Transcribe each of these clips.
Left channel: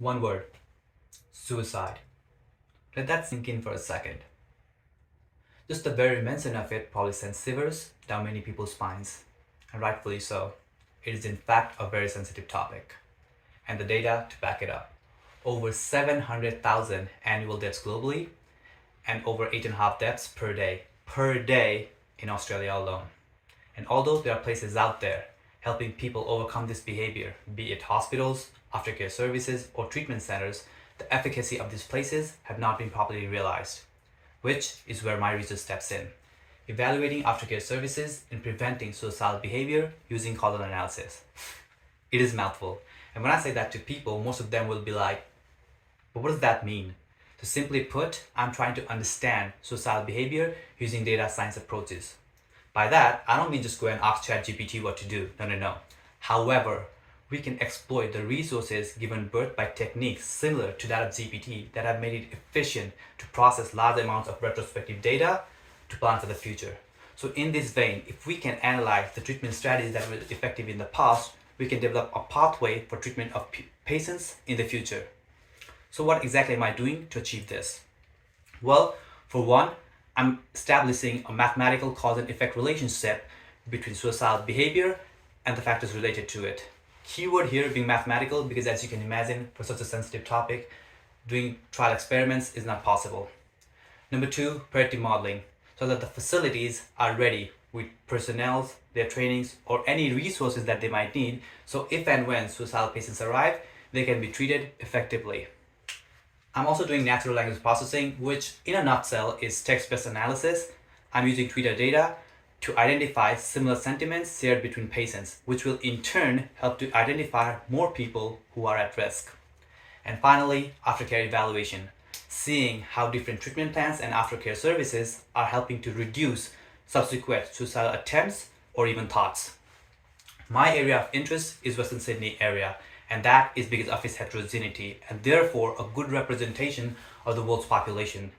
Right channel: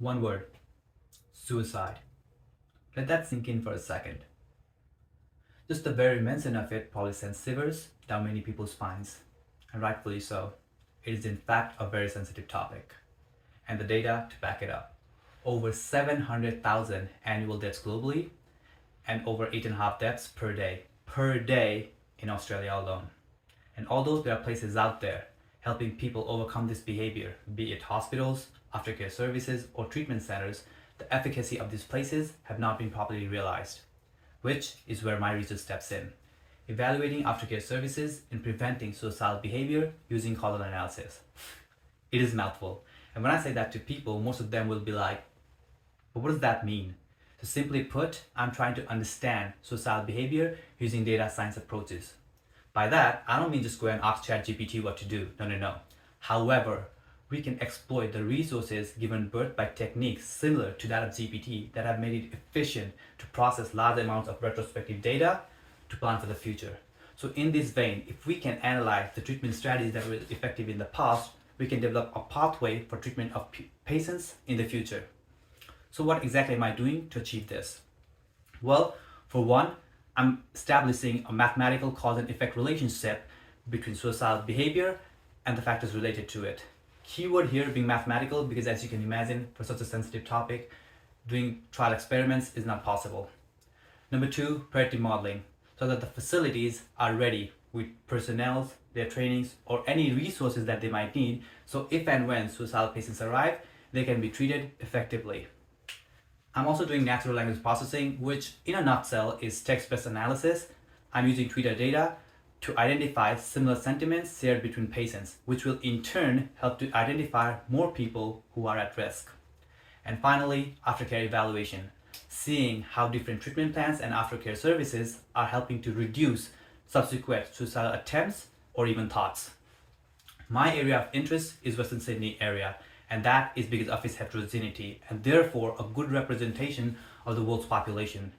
One word: suicide. Let that sink in for a second. Just the very mention of it probably sends shivers down many people's spines, and rightfully so. It is in fact a very sensitive topic, and the data to back it up. Over 700,000 annual deaths globally, and over 8.5 deaths per day in Australia alone. And although there are places out there helping people overcome this behavior, be it hospitals, aftercare services, or treatment centers, the efficacy of these places have not been properly realized, which is where my research steps in, evaluating aftercare services in preventing suicidal behavior using causal analysis. It is a mouthful, and when I say that to people, most of them will be like, but what does that mean? So simply put, I'm trying to understand suicidal behavior using data science approaches. By that, I don't mean just go and ask ChatGPT what to do. No. However, we can exploit the resources given birth by techniques similar to that of GPT that have made it efficient to process large amounts of retrospective data to plan for the future. So in this vein, if we can analyze the treatment strategies that were effective in the past, we can develop a pathway for treatment of patients in the future. So what exactly am I doing to achieve this? Well, for one, I'm establishing a mathematical cause and effect relationship between suicidal behavior and the factors related to it. Keyword here being mathematical because, as you can imagine, for such a sensitive topic, doing trial experiments is not possible. Number two, predictive modeling, so that the facilities are ready with personnel, their trainings, or any resources that they might need, so if and when suicidal patients arrive, they can be treated effectively. I'm also doing natural language processing, which in a nutshell is text-based analysis. I'm using Twitter data to identify similar sentiments shared between patients, which will in turn help to identify more people who are at risk. And finally, aftercare evaluation, seeing how different treatment plans and aftercare services are helping to reduce subsequent suicidal attempts or even thoughts. My area of interest is Western Sydney area, and that is because of its heterogeneity and therefore a good representation of the world's population.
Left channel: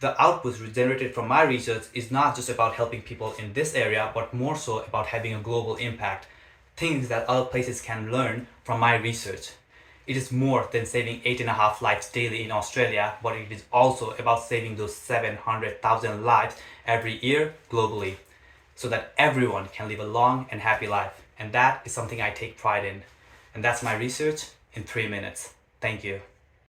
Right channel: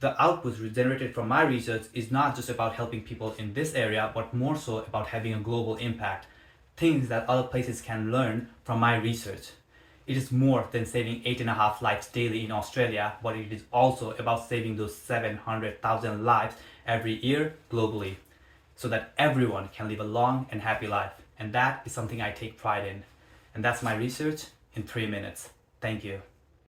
The outputs generated from my research is not just about helping people in this area, but more so about having a global impact, things that other places can learn from my research. It is more than saving 8.5 lives daily in Australia, but it is also about saving those 700,000 lives every year globally, so that everyone can live a long and happy life. And that is something I take pride in. And that's my research in 3 minutes. Thank you.